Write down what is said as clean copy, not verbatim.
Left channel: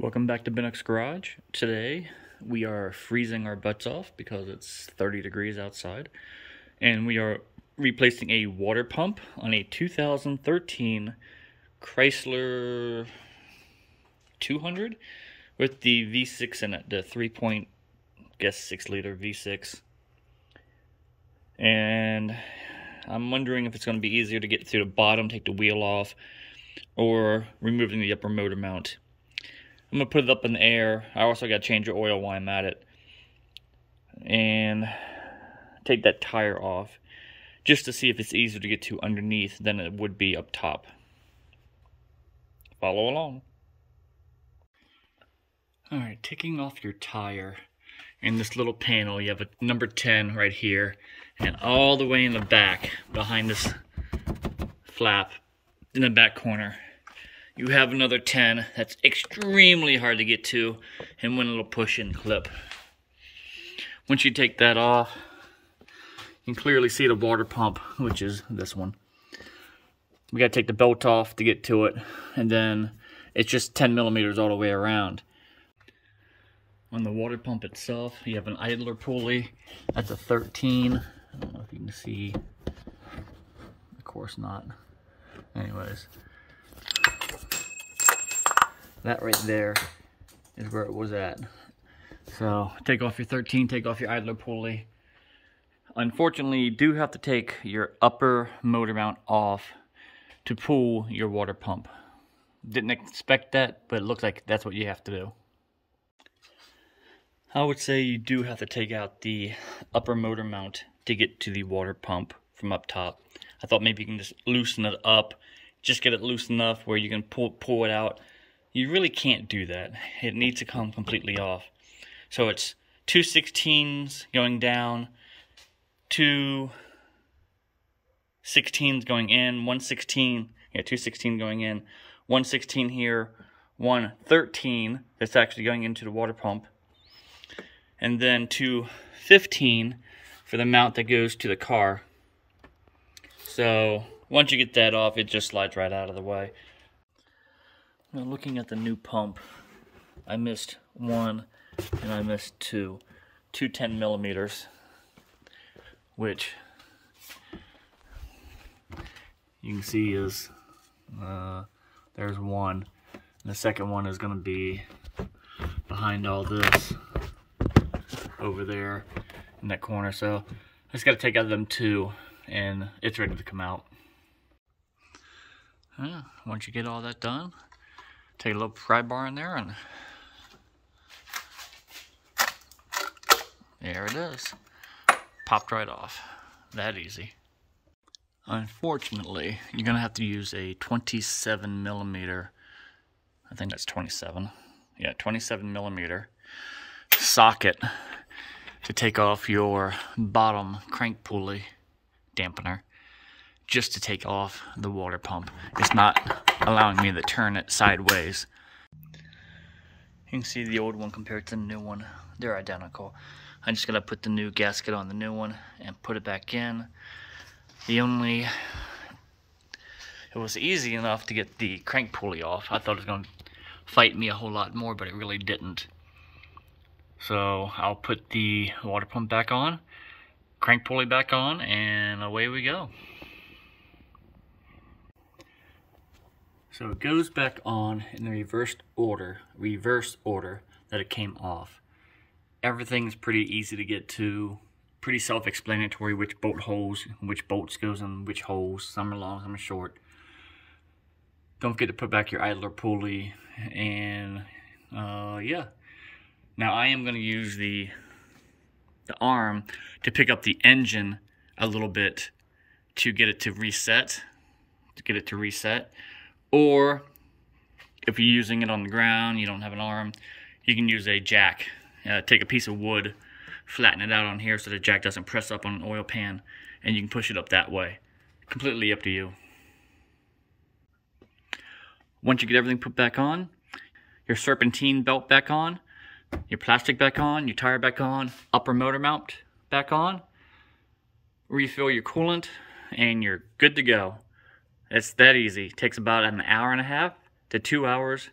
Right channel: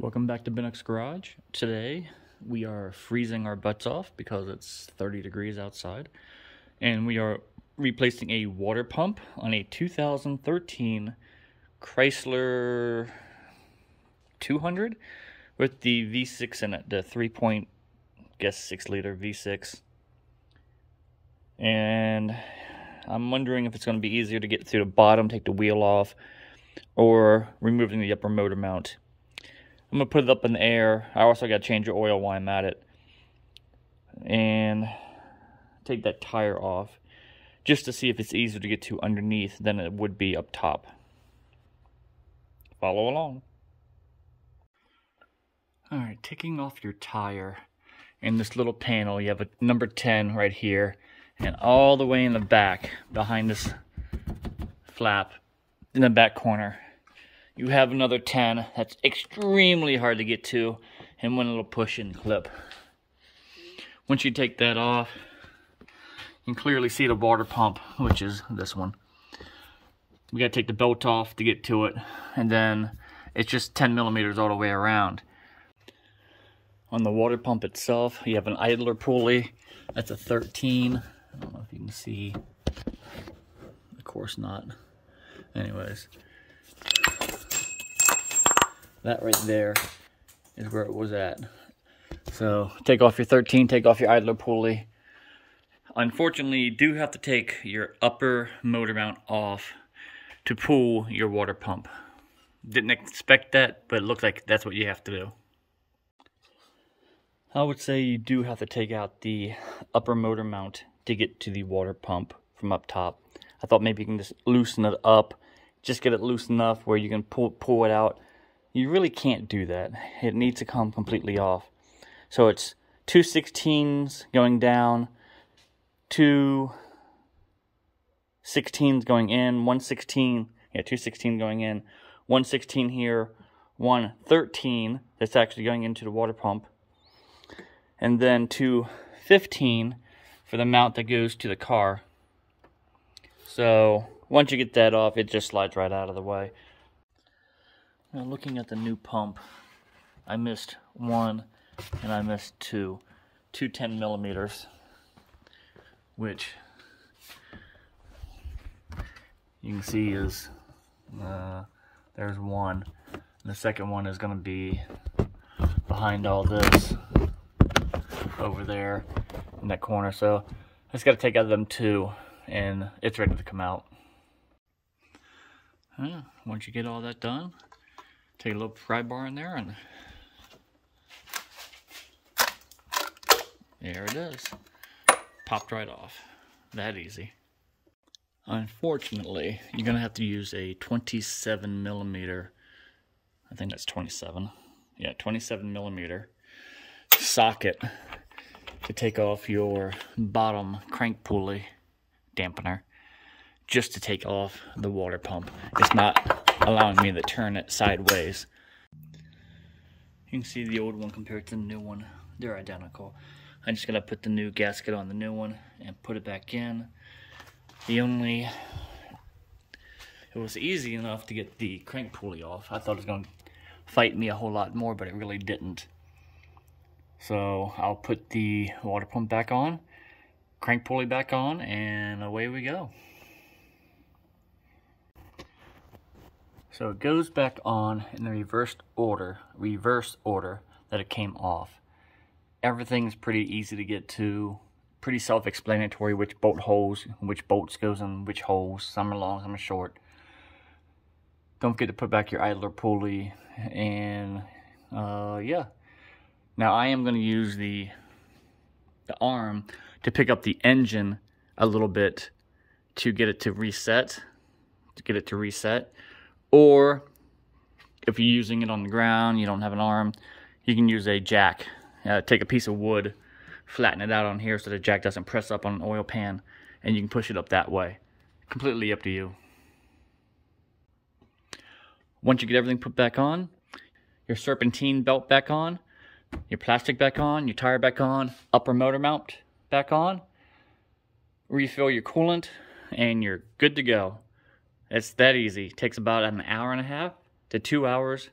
Welcome back to Bennock's Garage. Today we are freezing our butts off because it's 30 degrees outside, and we are replacing a water pump on a 2013 Chrysler 200 with the V6 in it, the 3.6 liter V6. And I'm wondering if it's going to be easier to get through the bottom, take the wheel off, or removing the upper motor mount. I'm going to put it up in the air. I also got to change the oil while I'm at it. And take that tire off just to see if it's easier to get to underneath than it would be up top. Follow along. Alright, taking off your tire. In this little panel, you have a number 10 right here. And all the way in the back, behind this flap, in the back corner, you have another 10 that's extremely hard to get to, and one little push-in clip. Once you take that off, you can clearly see the water pump, which is this one. We gotta take the belt off to get to it, and then it's just 10 millimeters all the way around. On the water pump itself, you have an idler pulley. That's a 13. I don't know if you can see. Of course not. Anyways. That right there is where it was at. So take off your 13, take off your idler pulley. Unfortunately, you do have to take your upper motor mount off to pull your water pump. Didn't expect that, but it looks like that's what you have to do. I would say you do have to take out the upper motor mount to get to the water pump from up top. I thought maybe you can just loosen it up, just get it loose enough where you can pull it out. You really can't do that. It needs to come completely off. So it's 2 16s going down, 2 16s going in, 1 16, yeah, 2 16 going in, 1 16 here, 1 13 that's actually going into the water pump, and then 2 15 for the mount that goes to the car. So once you get that off, it just slides right out of the way. Now looking at the new pump, I missed 1 and I missed 2. 2 10 millimeters, which you can see is, there's 1. And the second one is going to be behind all this over there in that corner. So I just got to take out them 2 and it's ready to come out. Once you get all that done, take a little pry bar in there and there it is. Popped right off. That easy. Unfortunately, you're going to have to use a 27 millimeter, I think that's 27. Yeah, 27 millimeter socket to take off your bottom crank pulley dampener, just to take off the water pump. It's not allowing me to turn it sideways. You can see the old one compared to the new one. They're identical. I just gotta put the new gasket on the new one and put it back in. It was easy enough to get the crank pulley off. I thought it was gonna fight me a whole lot more, but it really didn't. So I'll put the water pump back on, crank pulley back on, and away we go. So it goes back on in the reverse order that it came off. Everything's pretty easy to get to, pretty self-explanatory which bolt holes, which bolts goes in which holes. Some are long, some are short. Don't forget to put back your idler pulley, and yeah. Now I am going to use the arm to pick up the engine a little bit to get it to reset, Or if you're using it on the ground, you don't have an arm, you can use a jack. Take a piece of wood, flatten it out on here so the jack doesn't press up on an oil pan, and you can push it up that way. Completely up to you. Once you get everything put back on, your serpentine belt back on, your plastic back on, your tire back on, upper motor mount back on, refill your coolant, and you're good to go. It's that easy. It takes about an hour and a half to 2 hours